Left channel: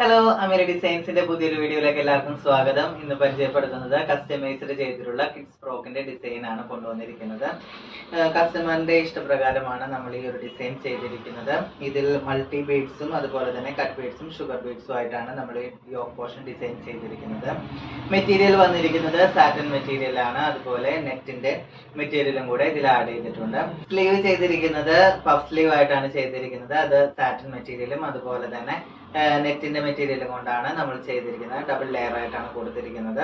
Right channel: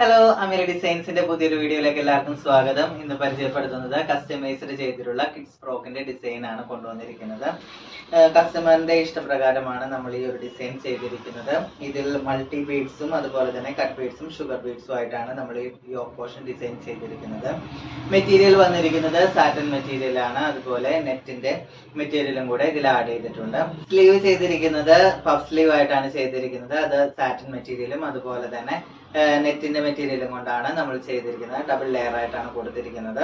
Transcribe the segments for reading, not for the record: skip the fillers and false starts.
Hello, അമീര ഡിസൈൻസിന്റെ പുതിയൊരു വീഡിയോയിലേക്ക് എല്ലാവർക്കും സ്വാഗതം. ഇന്ന് പരിചയപ്പെടുത്തുന്നത് കസ്റ്റമൈസ്ഡ് ചെയ്തിട്ടുള്ള കിഡ്സ് ഫ്രോക്കിന്റെ ഡിസൈൻ ആണ് കൊണ്ടുവന്നിരിക്കുന്നത്. കസ്റ്റമറിന്റെ ഇഷ്ടപ്രകാരമാണ് നമ്മൾ ഈ ഒരു ഡിസൈൻ ചെയ്തിരിക്കുന്നത്. ഇതിൽ മൾട്ടി ബീഡ്സും അതുപോലെ തന്നെ കട്ട് ബീഡ്സും ഷുഗർ ബീഡ്സും ആയിട്ടാണ് നമ്മൾ ഈ യോക്ക് പോർഷൻ ഡിസൈൻ ചെയ്തിരിക്കുന്നത്. മെറ്റീരിയൽ വന്നിരിക്കുന്നത് സാറ്റൻ മെറ്റീരിയൽ ആണ്. അതുപോലെ നെറ്റിന്റെ മെറ്റീരിയലും കൂടെ ഇതിൽ ആഡ് ചെയ്തിട്ടുണ്ട്. സ്ലീവ് ചെയ്തിരിക്കുന്നത് പഫ് സ്ലീവ് ആയിട്ടാണ് ചെയ്തിരിക്കുന്നത്. അത് സാറ്റൻ മെറ്റീരിയലും അതുപോലെ തന്നെ നെറ്റിന്റെ മെറ്റീരിയലും കൊണ്ടാണ് നമ്മൾ ചെയ്തിരിക്കുന്നത്. ഡബിൾ ലെയർ ആയിട്ടാണ് കൊടുത്തിരിക്കുന്നത്.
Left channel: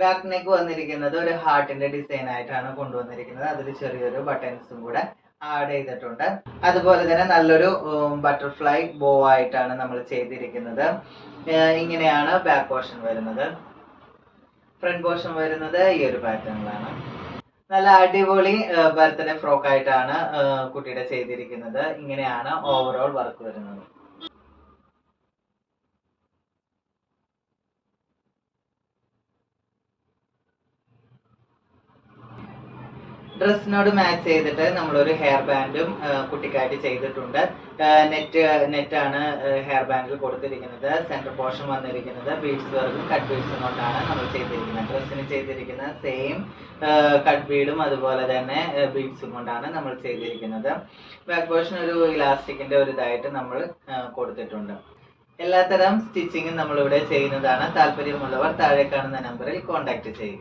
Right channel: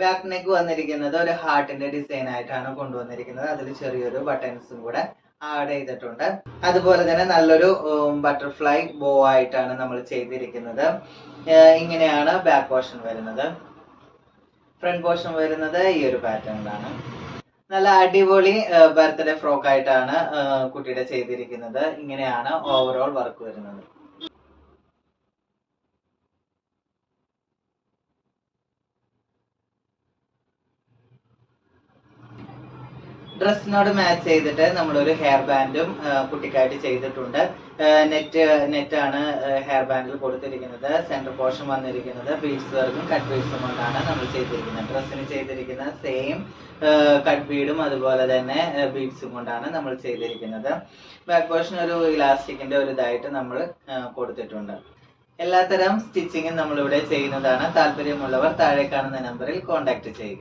ബാക്ക് നെക്ക് വന്നിരിക്കുന്നത് ഒരു ഹാർട്ടിന്റെ ഡിസൈൻ ആയിട്ടാണ് കൊണ്ടുവന്നിരിക്കുന്നത്. അതിൽ ചെറിയൊരു ബട്ടൺസും കൂടെ ആഡ് ചെയ്തിട്ടുണ്ട്. അതുപോലെ തന്നെ നല്ലൊരു ബട്ടർഫ്ലൈ ബോ ആയിട്ടാണ് നമ്മൾ ചെയ്തിരിക്കുന്നത്. ഇങ്ങനെയാണ് ബാക്ക് പോർഷൻ വരുന്നത്. ഫ്രണ്ട് പോർഷൻ വരുന്നത് ഈ ഒരു പാറ്റേണിലാണ്. നല്ല അടിപൊളി ബർത്ത്ഡേ ഫ്രോക്ക് ആയിട്ടാണ് കുട്ടിയുടെ ചെയ്തിരിക്കുന്നത്. ഇങ്ങനെയാണ് ഓവറോൾ വർക്ക് വരുന്നത്. ഡ്രസ്സിനോട് മാച്ച് ചെയ്തിട്ട് നമ്മളൊരു ഹെയർ ബാൻഡും കുട്ടിക്കായിട്ട് ചെയ്തിട്ടുണ്ട്. നെറ്റാണ് ഹെയർ ബാൻഡിൽ കൊടുത്തിരിക്കുന്നത്. സെൻറ്റർ പോർഷൻ വന്നിരിക്കുന്നത് ബീഡ്സ് വർക്കും കട്ട് ബീഡ്സും കൊണ്ടാണ് നമ്മൾ ചെയ്തിരിക്കുന്നത്. ഡ്രസ്സിന് ചെയ്തിരിക്കുന്ന സെയിം കട്ട് ബീഡും അതുപോലെ തന്നെ ബീഡ്സും കൊണ്ടാണ് നമ്മൾ ചെയ്തിരിക്കുന്നത്. ബാക്ക് പോർഷൻ ഒരു ഇലാസ്റ്റിക്കിന്റെ ഒരു ഇതായിട്ട് നമ്മൾ കൊടുത്തിട്ടുണ്ട്. എല്ലാത്തരം സ്റ്റിച്ചിങ്ങും നമ്മളിവിടെ ചെയ്യുന്നതാണ്. താല്പര്യമുള്ളവർ താഴെ കാണുന്ന നമ്പറിൽ കോൺടാക്ട് ചെയ്യുക.